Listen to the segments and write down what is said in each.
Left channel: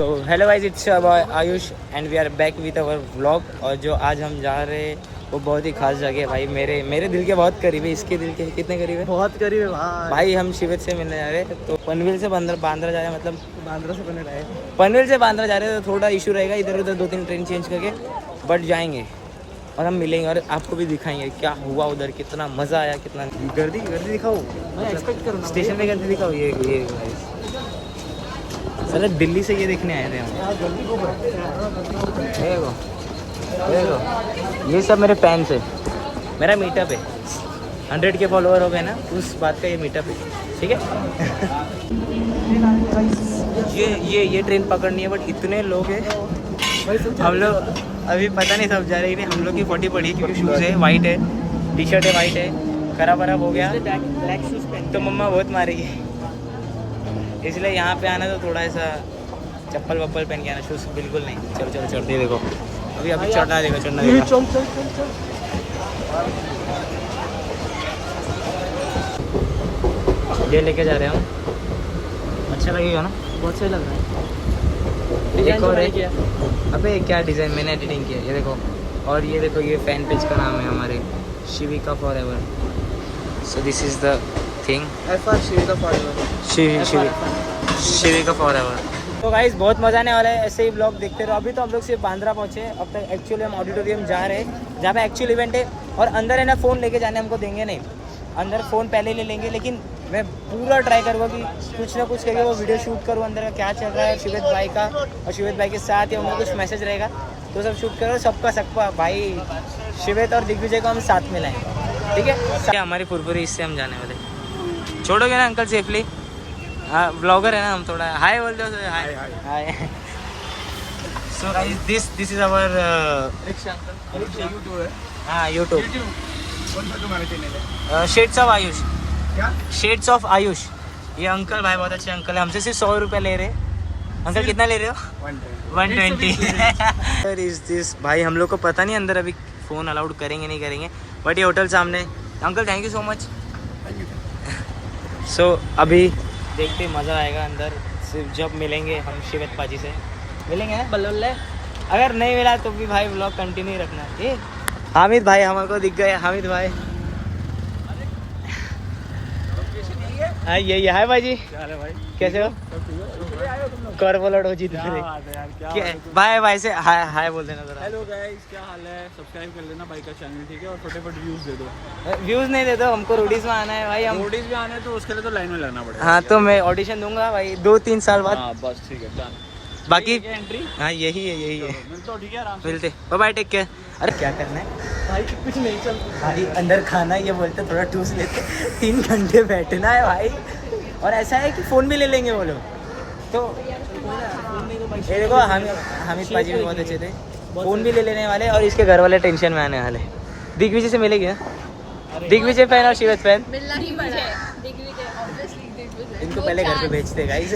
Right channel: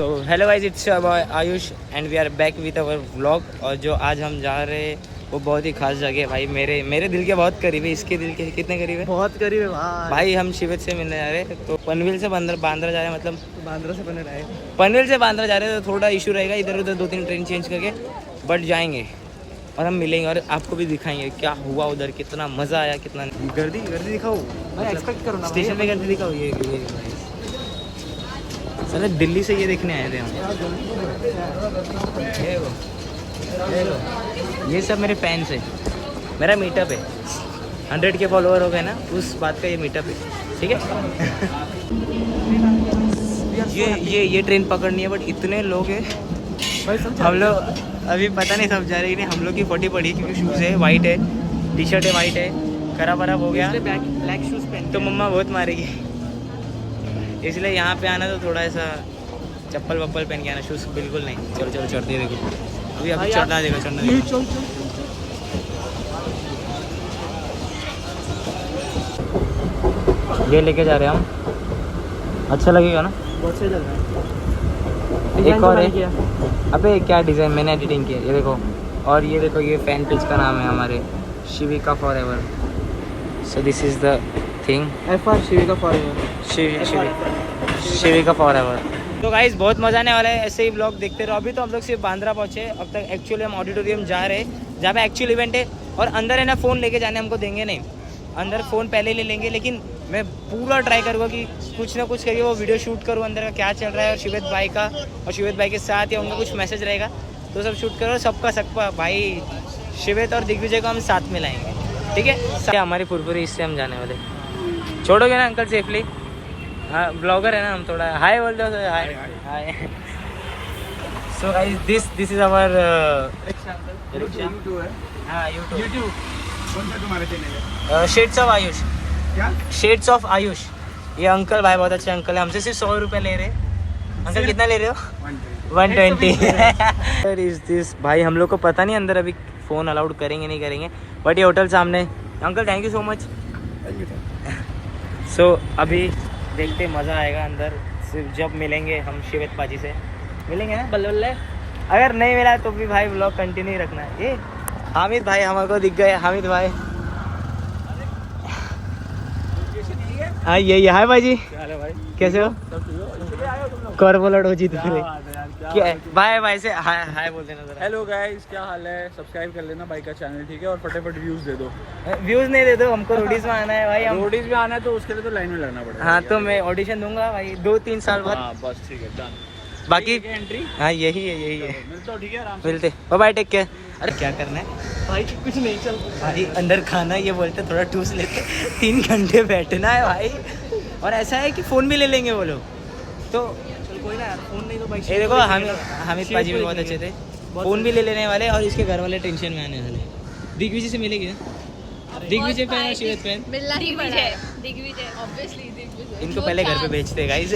तो hello guys, it's Ayush and we are back with our vlog. और जो आज हम जा रहे हैं वो बहुत ही खास जगह है भाई, मेरे दिल के बहुत करीब है। इसके दिल के कितने करीब है? बहुत करीब है भाई। हम शिवित से मिलने जा रहे हैं, तो पनवेल से बांद्रा जा रहे हैं, मतलब बांद्रा से पनवेल आए। पनवेल से बांद्रा जा रहे हैं, तो थोड़ा इशू रहेगा, इधर उधर 2-3 ट्रेन चेंज करके बट जाएंगे और हम मिलेंगे और आपको भी दिखाएंगे क्या हुआ उधर, कितना मज़ा आया, कितना गर्दी दिखाओ, एक्सपेक्ट करो ना स्टेशन पे गर्दी दिखाओ। ये सर दिल्ली से ये देखने आए थे हम। ये सब मेरे फैंस है, मेरा मीटअप है। 100 के फॉलोअर हो गए ना, उस बात का ये मीटअप है, ठीक है। ये ट्रेन पकड़नी है, बट इतने लोग हैं। हम लोग अभी पता नहीं सब जा रहे हैं, हम लोग की 40 पड़ी क्योंकि शूज़ है वाइट है, टी शर्ट है वाइट है, खराब हो गया ब्लैक शूज पहन तो मम्मा बहुत मारेगी, इसलिए यहाँ पे आना तो थोड़ा ऐसा चप्पल वप्पल पहन के आना, शूज़ बिल्कुल नहीं। चलो चढ़ते देखो, अभी चढ़ना देगा। ये लेके जा रहे हैं हम, अच्छा लगेगा ना? बहुत सही लग रहा है। एक और है, अबे क्या डिज़ाइन मैंने एडिटिंग किया, ये देखो। और ये देखो, ये फैन पेज का नाम है हमारे, Shivika forever. So this is the thing, Shivika forever, Shivika forever. तो गाइस बहुत मज़ा आने वाला है, ऐसे ही ब्लॉग देखते रहो। अभी तो हम लोग सिर्फ बांद्रा पहुँचे, अब तक एक्चुअली हम ऑडिटोरियम जा रहे हैं जहाँ पे एक्चुअल इवेंट है। और अंदर है ना, फ़ोन लेके जाने हमको देंगे नहीं, अंदर फ़ोन पहले ले लेंगे। लेकिन मैं पूरा ट्राई करूँगा कि कुछ ना कुछ करके वो वीडियो शूट करूँ अंदर का क्या चल रहा है, और शिवित भाई का, और शिवित भाई के साथ या उनका कुछ मैसेज रहेगा तो सब शूट करो। सबका भाई शिवित और दिग्विजय को हम साथ में लाएंगे, ठीक है। हमारी फुरफुरी इससे हम जाने वाले, छोड़ोगे ना अंकल सेफली? हाँ, ब्लॉगर है ना हम, थोड़ा हाय बोल दो। Hi. So guys this is our YouTube shades of Ayush. क्या शेड्स ऑफ आयुष? ये अंकल भाई बहुत अच्छे अंकल है, हमसे सिर्फ 100 रुपये ले रहे हैं। अंकल कितना ले रहे हो? 120 इज दिस भाई। हम लोग को पता नहीं अंदर अभी फ़ोन अलाउड करेंगे नहीं करेंगे, बट ये होटल सामने। Uncle thank you so much. So अभी देखते मज़ा आएगा अंदर, सिर्फ जब मिलेंगे हम शिवित पाजी से मिलेंगे ना बल्ले। अगर नहीं मिला तो भी भाई ब्लॉग कंटिन्यू रखना है। ये हामिद भाई हमारे को दिख गए, हामिद भाई। हाँ यही है भाई जी। क्या हाल है भाई, कैसे हो? कॉर्पोरेट हो जीत क्या भाई? भाई से हाय बोल देना जरा। हेलो गाइस, क्या हाल है? सब्सक्राइब कर लेना भाई का चैनल, ठीक है? और फटाफट व्यूज दे दो। व्यूज नहीं दे दो, हमको रोडीज में आना है भाई। हम रोडीज में आना है तो उसके लिए तो लाइन में लगना पड़ेगा। हाँ, तो मैं ऑडिशन दूंगा भाई 2-3 साल बाद। बस ठीक है, डन। बाकी एंट्री हाँ यही है। मिलता ठीक है, आराम से मिलते, बाय टेक केयर। अरे क्या करना है भाई? कुछ नहीं, चल भाई अंदर खाना, ये बोलते थोड़ा टूस लेते। 3 घंटे बैठना है भाई, और ऐसा है कि फ़ोन भी ले लेंगे वो लोग तो। कोई ना, फोन नहीं तो भाई। ये देखो हामिद पाजी भी बहुत अच्छे थे, फ़ोन भी ले लेने वाले, और इसके घर वाले टेंशन में आने वाले। दिग्विजय से मिलेगी ना? दिग्विजय फैन और शिवित फैन मिलना ही पड़ा है। दिग्विजय ऑब्वियसली, दिग्विजय इनको पहले घर पे भेजते गाइस।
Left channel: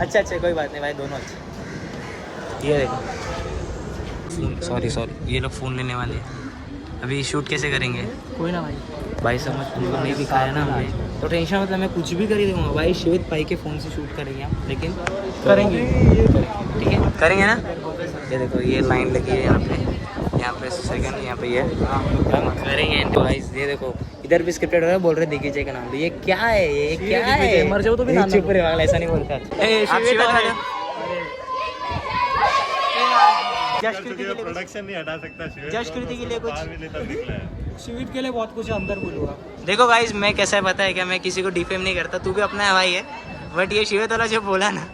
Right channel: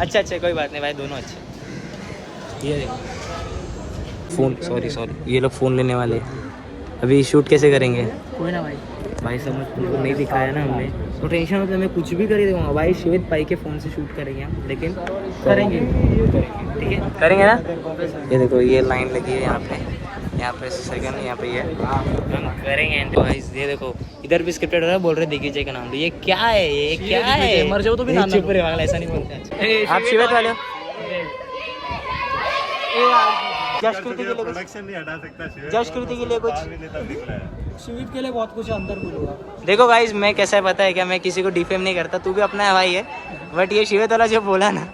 अच्छा कोई बात नहीं भाई, दोनों अच्छे। ये देखो फ़ोन, सॉरी ये लोग फ़ोन लेने वाले हैं। अभी शूट कैसे करेंगे? कोई ना भाई समझ, तुमको नहीं दिखाया ना हमने तो टेंशन, मतलब मैं कुछ भी कर ही दूँगा भाई। शिवित भाई के फ़ोन से शूट करेंगे हम, लेकिन करेंगे ठीक है, करेंगे ना? देखो ये लाइन लगी है यहाँ पे सेकंड, यहाँ पे ये करेंगे तो गाइस। ये देखो इधर भी स्क्रिप्टेड हो रहा है, बोल रहे दिग्विजय का नाम। ये क्या है, ये क्या है? मर जाओ तो भी नाम चुप रहे वाला, ऐसा नहीं बोलता। आप शिवित वाले हो? जस्ट कृति के लिए प्रोडक्शन नहीं हटा सकता, जस्ट कृति के लिए कुछ शिवित के लिए बहुत कुछ अंदर बोलूँगा। देखो गाइस, मैं कैसा है पता है क्या, मैं किसी को डिफेम नहीं करता, तू भी अपना है भाई है, बट ये शिवित वाला जो बोला ना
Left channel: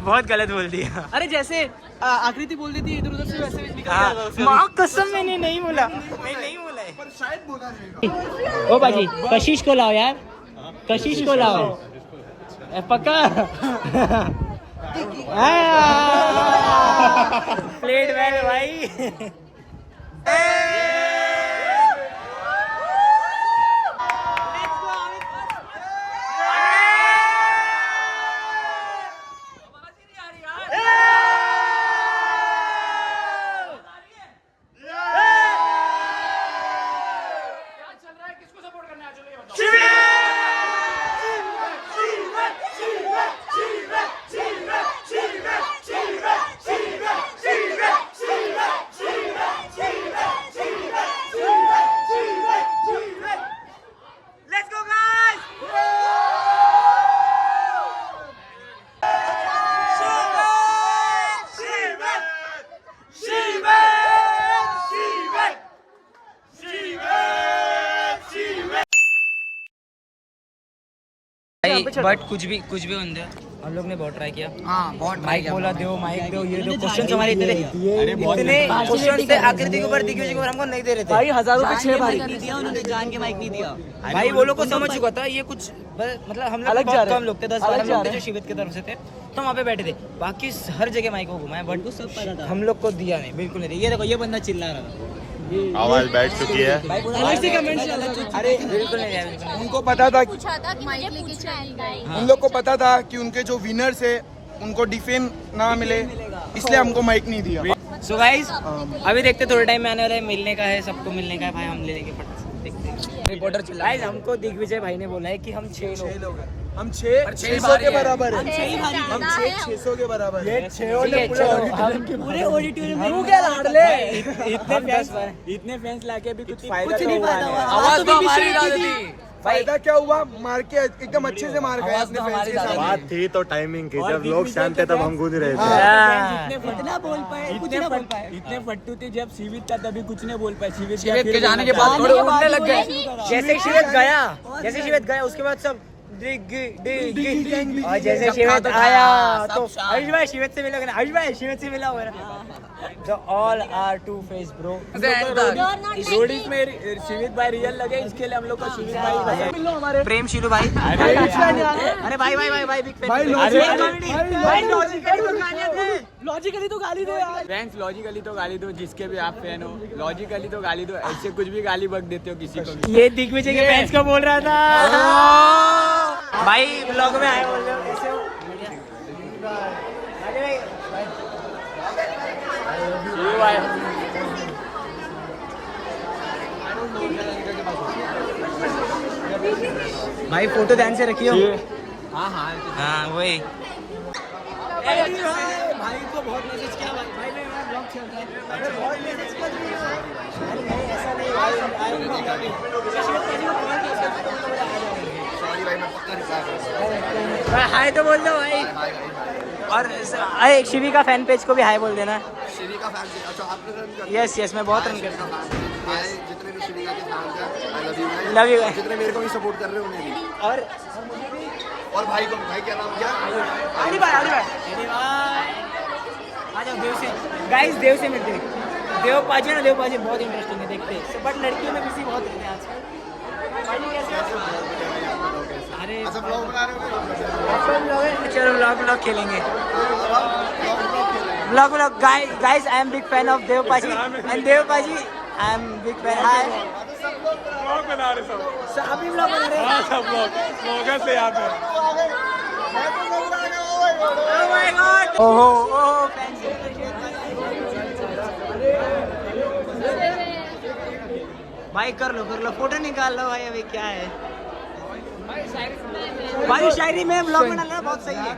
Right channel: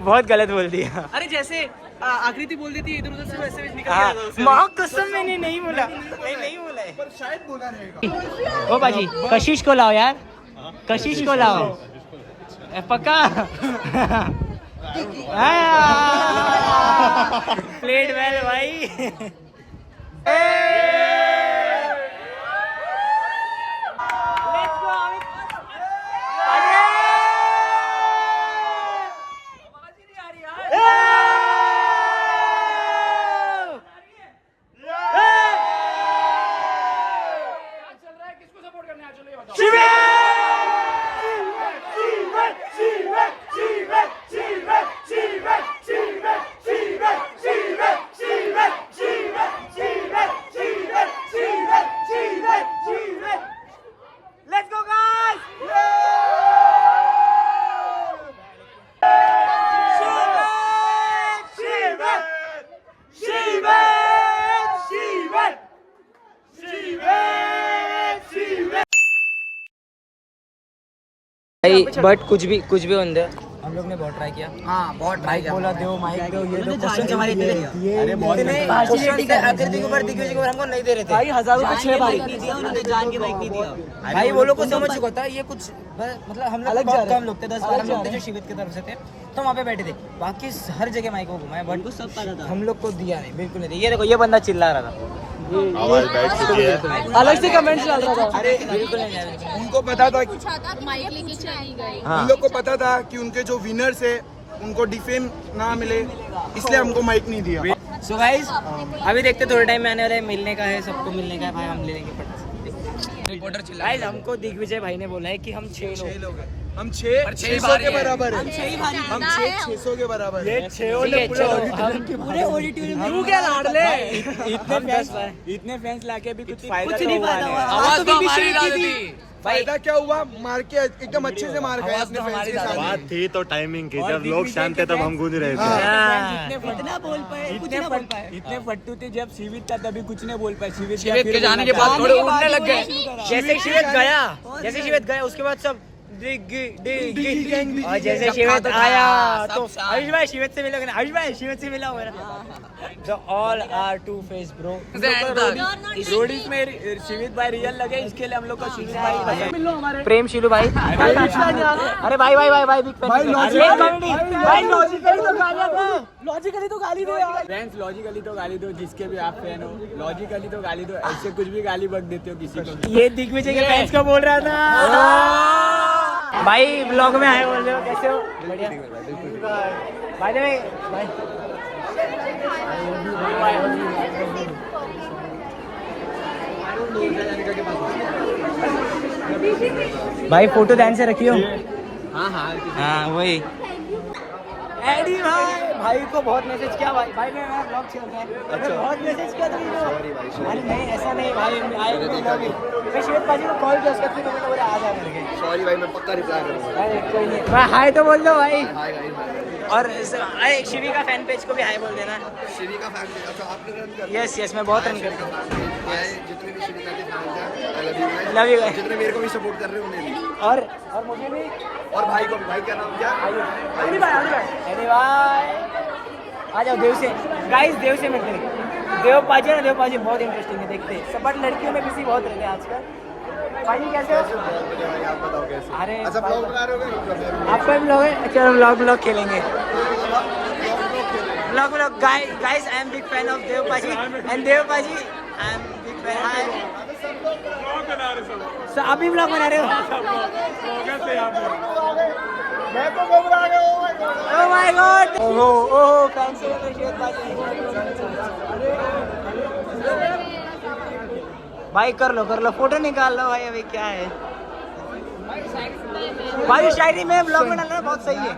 बहुत गलत बोल दिया। अरे जैसे आकृति बोल दी थी इधर उधर से, वैसे निकल हाँ गया। माँ कसम मैंने नहीं बोला, नहीं बोला है, पर शायद बोला नहीं। ओ बाजी कशिश को लाओ यार, कशिश को लाओ पक्का। प्लेट वेल भाई। भाई बट कुछ भी होने दो, हम लोग ने बहुत ट्राई किया। हाँ बहुत माइक बोला दो, माइक दो, ये दो, क्वेश्चन हमारे इतने क्वेश्चन थे आकृति के ऊपर, दिग्विजय के ऊपर हमको नहीं दे रहे थे भाई 1000 रुपए 6 भाई जान के माइक नहीं दिया भाई। वो लोग को समझ चुका था ये कुछ मतलब हम लोग बहुत कम लोग थे, 10-12 लोग थे जो शिवित की तरफ से थे, तो वहाँ पे बैठे थे। बाकी हर जगह माइक को घुमाया बट हम लोग को दिया नहीं, बिल्कुल नहीं दिया। ये देखो ये बंदा चिल्ला रहा था, आवाज बैठ चुकी है। अलग से कमेंट चल रहा था। अरे बिल्कुल नहीं दिया। उनको पता था कि पूछा था माइक लेके चली गई। उन लोग को पता था कि उनके जो विनर्स है उनको डिफेम ना मिले, इसलिए हमको माइक नहीं दिया। सो गाइस अभी देखते थोड़े टाइम में आने वाले मिलने का है, सबको मिलने का है भाई, हम ले लेंगे फटाफट। देखते रिपोर्टर चिल्ला गाइस हमको दिग्विजय भाई ने बोला है कि हम 6 लोग हैं। हम 600 के बराबर है, हम 600 के बराबर है। पूरे ऑडिटोरियम तू क्या लाडले इतने फैंस लाके भी कुछ कुछ नहीं फायदा हुआ। आवाज तो हमारी थी। फायदा क्या हुआ, मार के एकदम अच्छे से मार गए अपने फैंस के सामने। बात थी तो टाइमिंग की, जब लोग शांत थे तब हम गूंज रहे थे। इतना बोल पाए, कुछ ना बोल पाए। इतने फट्टू थे जब शिवित था तभी कुछ नहीं बोल पाए। शिवित के जाने के बाद थोड़े उड़ने लग गए। जैसे शिवित गया उसके बाद सब डिग और जैसे शिवित आया तो आयुष भाई शिवित से मिलोगे ना, आयुष भाई शिवित से मिला होगा ना। So all are two face bro। Roadies में शिवित भाई रियल लगे, इसके लिए हम लोग का शिवित भाई प्रेम शीलू भाई, अरे भाई भाई भाई भाई बिग फैन भाई, लॉजिकली तो गाली दो यार। फ्रेंड्स लॉजिकली तो गाली दो, जिसके भी आप फैन हो लॉजिकली तो गाली दो, ऐसे कुछ भी गाली बक देते हो किसी को भी। ये दिग्विजय के फैंस को बोल रहा था भाई, ब्लॉग में आए बोल रहे हो कैसे हो भाई। भाई फोटो ध्यान से रखियो। हाँ वही भाई को बहुत मैसेज किया भाई, भाई मैं ब्लॉग चल रहा है। अच्छा बहुत मैसेज किया था। सॉरी भाई सॉरी भाई, मैं पक्का रिप्लाई करूंगा। हाय तो बोल दो भाई। और अरे शिवी का फैन पेज को भी हाय बोल देना। श्री का फैन पेज, अच्छा आप लोग यस यस मैं बहुत रन करता हूँ। जितने भी श्री का के फैन हैं, आई लव यू। लव यू जितने मेरे को भी सपोर्ट कर रहे हैं उन्हें भी, और भाई को भी। भाई क्या नाम क्या? भाई आ जाओ देव से गाइस, देव से मिलते हैं। देव पाजी ना, देव पाजी बहुत इंटरेस्टिंग है, देखते हैं सब। बट लड़कियों में बिजी बहुत रहते हैं आजकल। भाई कैसे हो? अरे अच्छा ब्लॉग बना रहे हो? चलो ब्लॉग खेलेंगे। Blog guys I am big fan of Dev paaji and Dev paaji I am big fan. Hi आप ही ब्लॉग बना रहे हो? Oh my God! ओहो फैंस भाई कर लो फोटो निकाल लो भाई। अभी क्या है भाई, शायरी में ब्लॉग बनाना बहुत सही है।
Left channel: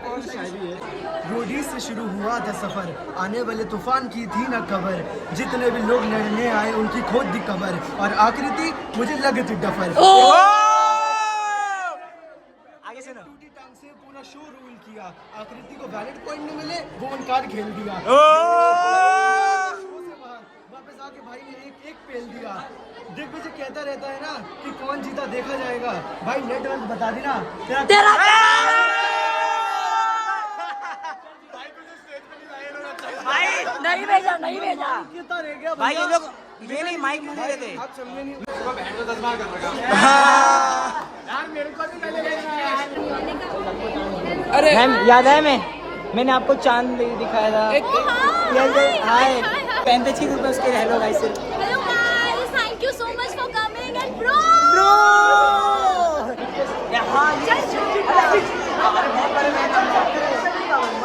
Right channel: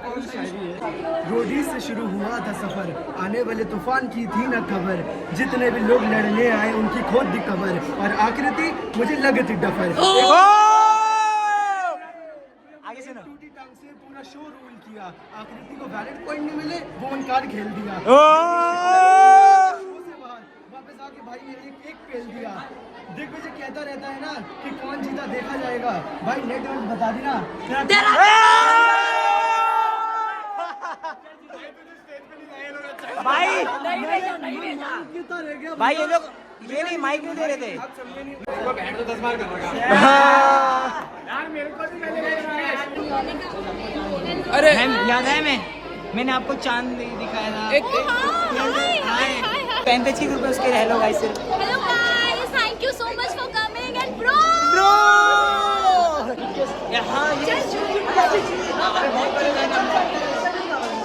रोडी से शुरू हुआ था सफर, आने वाले तूफान की थी न खबर, जितने भी लोग लड़ने आए उनकी खोद दी कबर, और आकृति मुझे लगी थी डफर। आगे सुनो। टूटी टांग से पूरा शो रूल किया, आकृति को वैलिड पॉइंट नहीं मिले वो वन कार्ड खेल दिया। शो से बाहर वापस आके भाई ने एक पेल दिया। दिग्विजय कहता रहता है ना कि कौन जीता देखा जाएगा, भाई नेट वर्क बता दी ना भाई नहीं भेजा भाई, ये लोग ये नहीं माइक नहीं दे रहे थे। अरे याद है मैंने आपको चांद दिखाया था। हाय फैन पेज की ग्रुप है उसके hello guys. Hello guys, thank you so much for coming and bro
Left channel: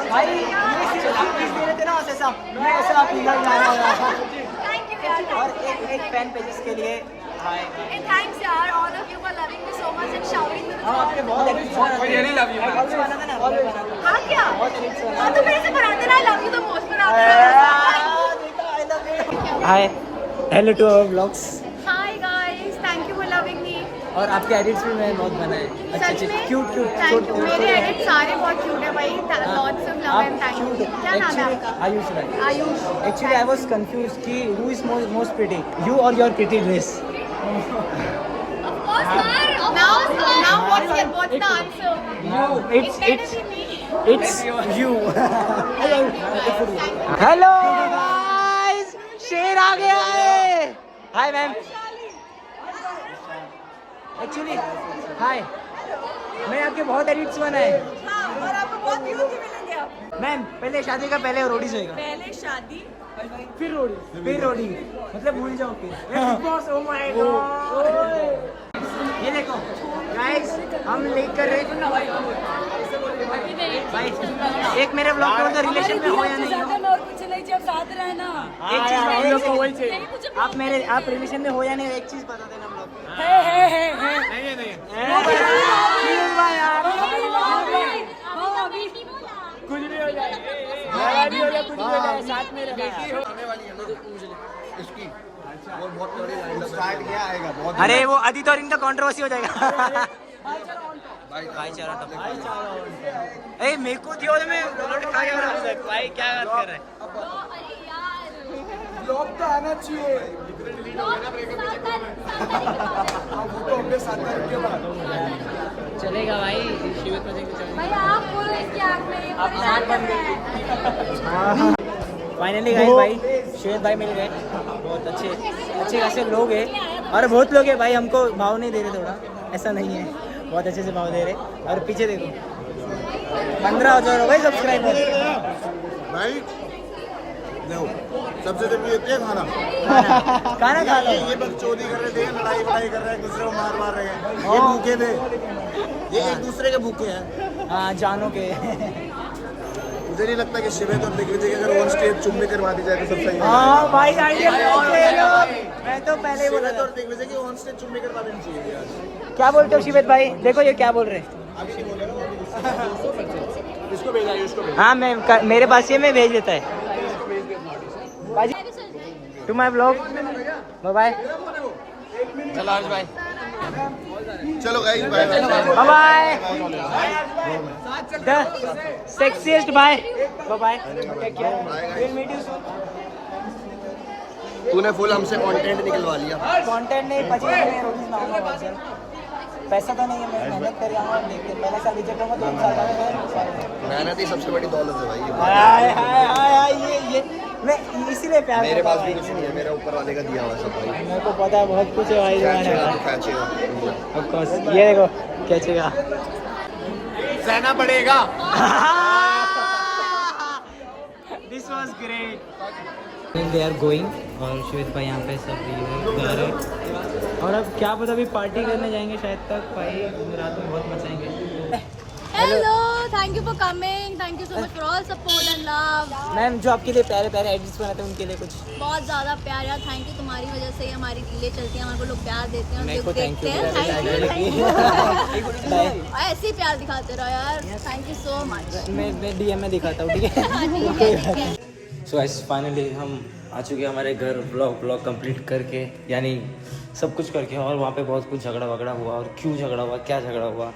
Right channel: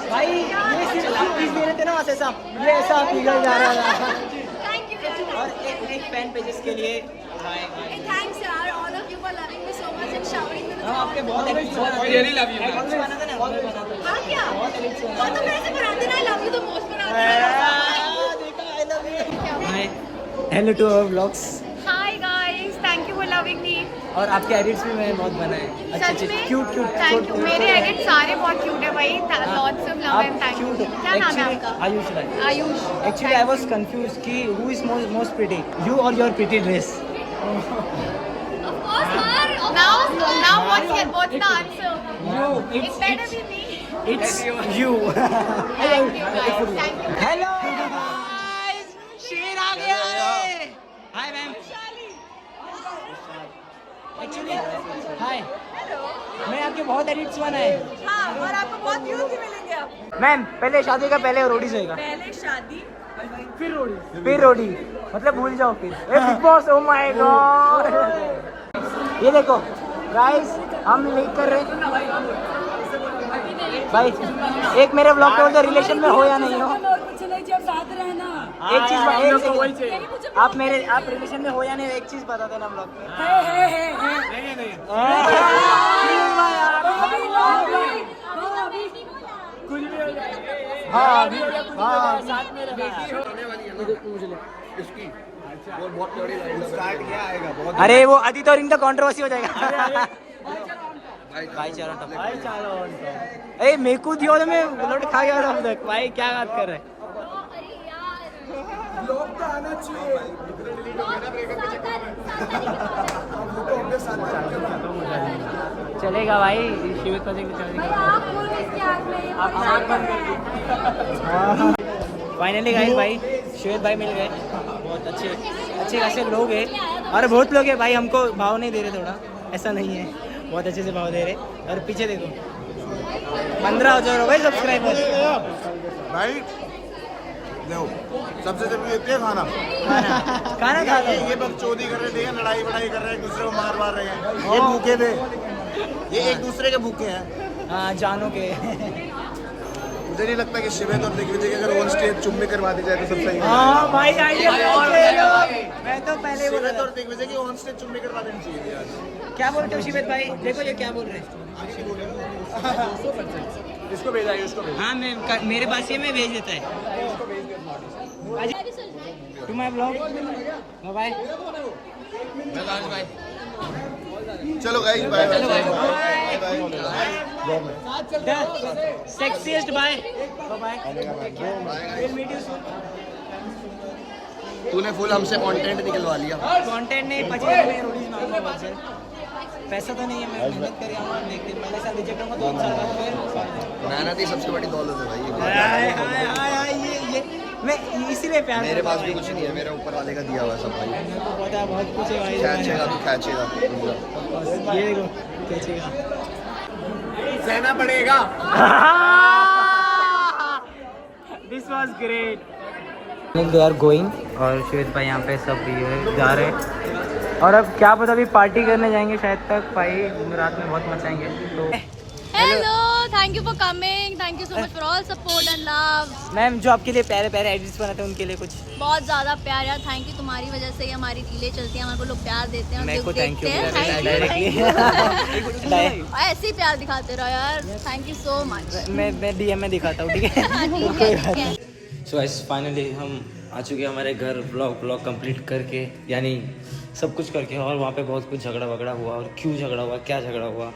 भाई प्लीज दे रहे थे ना वैसे सब, ये ऐसा फील जा रहा है। और एक फैन पेजेस के लिए हाय थैंक्स यार, all of you for loving me so much and shouting me. हम आपके बहुत रियली लव यू। हां क्या? हां तो कैसे पढ़ाते ना, आई लव यू तो मोस्ट पर hi hello to our vlogs. Hi guys, thank you for loving me. और आपके एडिट्स भी मैंने बहुत बनाए सच में क्यूट थैंक यू। मेरे एडिट सारे बहुत क्यूट है भाई, lots of love and thank you. क्या नाम है आपका? आयुष भाई। Ayush. Actually I was confused कि who is most pretty, you और your pretty dress. Of course, now what What's the answer? It's you. Hello guys, शेर आ गया है. Hi ma'am. एक्चुअली हाय, मैं आपके बहुत एडिट्स बना है. हाँ, और आपको बहुत व्यूज भी मिलेंगे आप. मैम पहले शादी का पहले रोडीज होएगा, पहले शादी फिर रोडी, मतलब भूल जाओ फिर. Big boss, oh my God. ये देखो गाइस, हम लीक कर रहे भाई. एक मेरे ब्लॉग पे बोलते रिलेशन में हो या नहीं हो. कुछ नहीं, जब साथ रहना. एक चीज, आप रिलेशन में हो या नहीं, एक चीज बता देना ब्लॉग पे. अरे वो अदित और इनका कंट्रोवर्सी हो जाएगा. भाईचारा टॉपिक. ए मेरे को दियो में खा जा रहा है भाई, क्या बात कर रहा है. लोग तो आना चाहिए. वो तो होंगे 7 तारीख के बाद. चलेगा भाई, शिविर को फाइनली गाइस भाई श्वेत भाई मिल गए. बहुत अच्छे खासे लोग हैं, और बहुत लोग हैं भाई. हमको भाव नहीं दे रहे, थोड़ा ऐसा नहीं है, बहुत अच्छे से भाव दे रहे. और पीछे देखो 15,000 हो गए सब्सक्राइबर. भाई लो, सबसे जरूरी होती है खाना. खाना खा लो. ये बकचोदी कर रहे थे, लड़ाई वड़ाई कर रहे हैं, दूसरे को मार रहे हैं. ये भूखे थे, ये एक दूसरे के भूखे हैं. हाँ जानो के. मुझे नहीं लगता कि शिवेत और दिग्विजय की अगर ऑन स्टेज चुम्बी करवा दी जाए तो सब सही है. हाँ भाई आइडिया, मैं तो पहले ही बोल शिवेत रहा और दिग्विजय की ऑन स्टेज चुम्बी करवा देनी चाहिए यार. था. क्या बोलते हो शिवेत भाई? देखो ये क्या बोल रहे हैं. इसको भेजा, इसको भेजा. हाँ मैं मेरे पास ये मैं भेज देता है. To my blog, bye bye. चलो guys, bye bye. Bye the sexiest bye. Bye. Will meet you soon. तूने फुल हमसे कंटेंट निकलवा लिया. कंटेंट नहीं, 25 रोडीज लाऊंगा बहुत जल्द. पैसा तो नहीं है, मैं मेहनत कर रहा हूँ. देखते पहले साल रिजेक्ट होगा, 2 साल बाद. मेहनत ही सबसे बड़ी दौलत है भाई. हाय हाय हाय, ये मैं इसीलिए प्यार मेरे करता पास हूँ भी भाई. कुछ नहीं है, मेरा ऊपर वाले का दिया हुआ है सब भाई. मेरे को पता है बहुत कुछ है भाई. खींचेगा तो खींचेगा. ये देखो खींचेगा. सहना पड़ेगा. This was great. They are going, और श्वेत भाई यहाँ पे सब ये जा रहे हैं. और अब क्या पता, अभी पार्टी करने जाएंगे शायद तक भाई. रात में बहुत मचाएंगे. तो Hello, thank you for coming. Thank you so much for all support and love. Ma'am जो आपके लिए प्यारे प्यारे एडिट्स बनाते हैं उनके लिए कुछ. बहुत ज़्यादा प्यार यार. थैंक यू, तुम्हारी वजह से ही हमारी रीलें चलती हैं, हमारे को लोग प्यार देते हैं और मेरे को दुख thank you देखते हैं. डायरेक्टली. ऐसे ही प्यार दिखाते रहो यार. Thank you so much. मैं डीएम में दिखाता हूँ, ठीक है. सो गाइस फाइनली हम आ चुके हैं हमारे घर. ब्लॉग कंप्लीट करके, यानी सब कुछ करके. और वहाँ पे बहुत कुछ झगड़ा वगड़ा हुआ. और क्यों झगड़ा हुआ, क्या झगड़ा हुआ,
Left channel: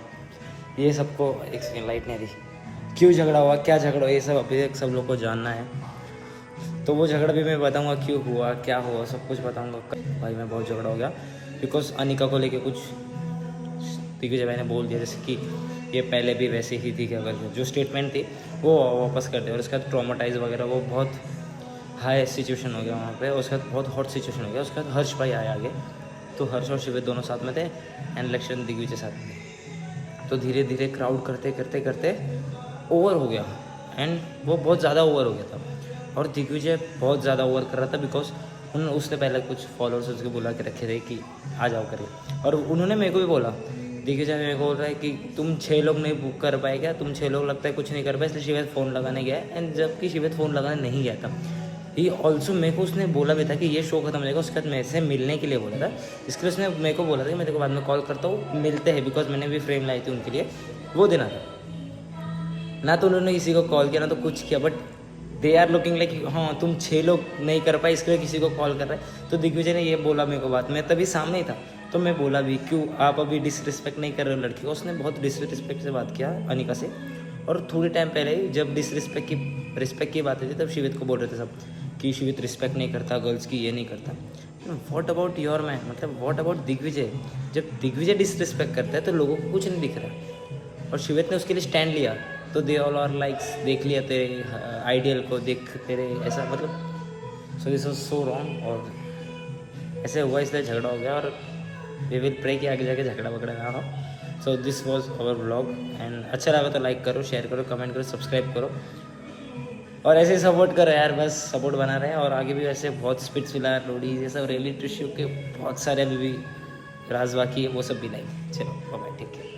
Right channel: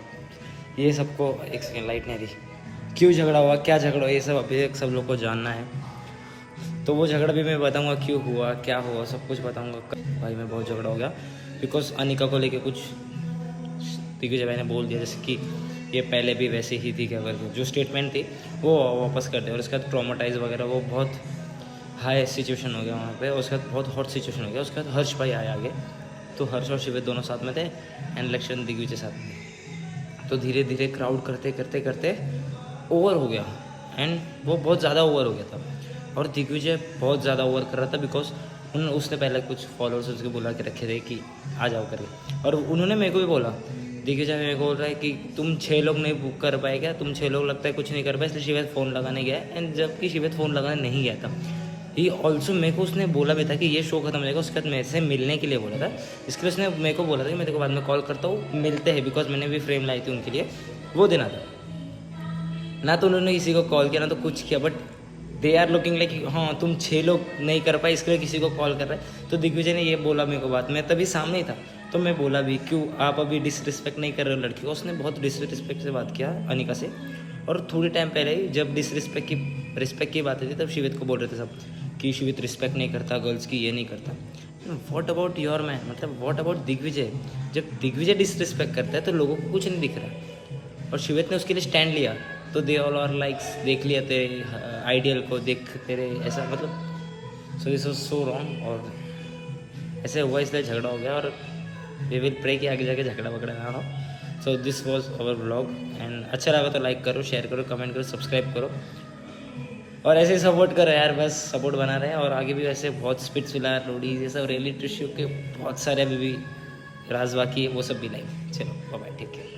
ये सबको एक सेकेंड लाइट नहीं दी. क्यों झगड़ा हुआ, क्या झगड़ा हुआ, ये सब अभी तक सब लोग को जानना है. तो वो झगड़ा भी मैं बताऊंगा, क्यों हुआ, क्या हुआ, सब कुछ बताऊंगा. भाई मैं बहुत झगड़ा हो गया बिकॉज अनिका को लेके कुछ दिग्विजय भाई ने बोल दिया, जैसे कि ये पहले भी वैसे ही थी, क्या करके जो स्टेटमेंट थी वो वापस कर दे. और उसके बाद ट्रॉमाटाइज वगैरह, वो बहुत हाई सिचुएशन हो गया वहाँ पे. उसके बाद बहुत हॉट सिचुएशन हो गया. उसके बाद हर्ष भाई आए आगे, तो हर्ष और शिविर दोनों साथ में थे, एंड इलेक्शन दिग्विजय साथ में. तो धीरे धीरे क्राउड करते करते करते ओवर हो गया, एंड वो बहुत ज़्यादा ओवर हो गया था. और दिग्विजय बहुत ज़्यादा ओवर कर रहा था बिकॉज उसने पहले कुछ फॉलोअर्स उसके बुला के रखे थे कि आ जाओ करके. और उन्होंने मेरे को भी बोला, दिग्विजय मेरे को बोल रहा है कि तुम 6 लोग नहीं बुक कर पाए क्या, तुम 6 लोग लगता है कुछ नहीं कर पाए, इसलिए शिवेत फ़ोन लगाने गया. एंड जबकि शिवेत फ़ोन लगाने नहीं गया था. ये ऑल्सो मेरे को उसने बोला भी था कि ये शो खत्म हो जाएगा, उसके बाद मेरे से मिलने के लिए बोला था. इसके लिए उसने मेरे को बोला था कि मैं तेरे को बाद में कॉल करता हूँ, मिलते हैं, बिकॉज मैंने भी फ्रेम लाई थी उनके लिए, वो देना था. ना तो उन्होंने किसी को कॉल किया, ना तो कुछ किया. But they are looking like हाँ तुम 6 लोग नहीं कर पाए, इसके लिए किसी को कॉल कर रहे हैं. तो दिग्विजय ने ये बोला मेरे को बात, मैं तभी सामने ही था. तो मैं बोला भी क्यों आप अभी डिसरिस्पेक्ट नहीं कर रहे हो लड़की को. उसने बहुत डिसरिस्पेक्ट से बात किया अनिका से. और थोड़ी टाइम पहले ही जब रिस्पेक्ट की बात हुई थी, तब शिवित को बोल रहे थे सब कि शिवित रिस्पेक्ट नहीं करता गर्ल्स की, ये नहीं करता. व्हाट अबाउट योर मैन, मतलब व्हाट अबाउट दिग्विजय? जब दिग्विजय डिसरिस्पेक्ट करता है तो लोगों को कुछ नहीं दिख रहा, और शिवेत ने उसके लिए स्टैंड लिया तो दे ऑल आर लाइक्स, देख लिया तेरे आइडियल को, देख तेरे ऐसा, मतलब so this was so wrong. और ऐसे हुआ इसलिए झगड़ा हो गया, और वी विल प्रे कि आगे जाके झगड़ा वगड़ा ना हो। So this was our vlog, and अच्छा लगा तो लाइक करो, शेयर करो, कमेंट करो, सब्सक्राइब करो, और ऐसे ही सपोर्ट करो यार, बस सपोर्ट बना रहे हैं। और आगे भी वैसे बहुत स्पिट्स विला, लोडी, ये सब रियलिटी शो के बहुत सारे अभी भी राज बाकी है, वो सब भी लाएंगे। चलो बाय, ठीक है।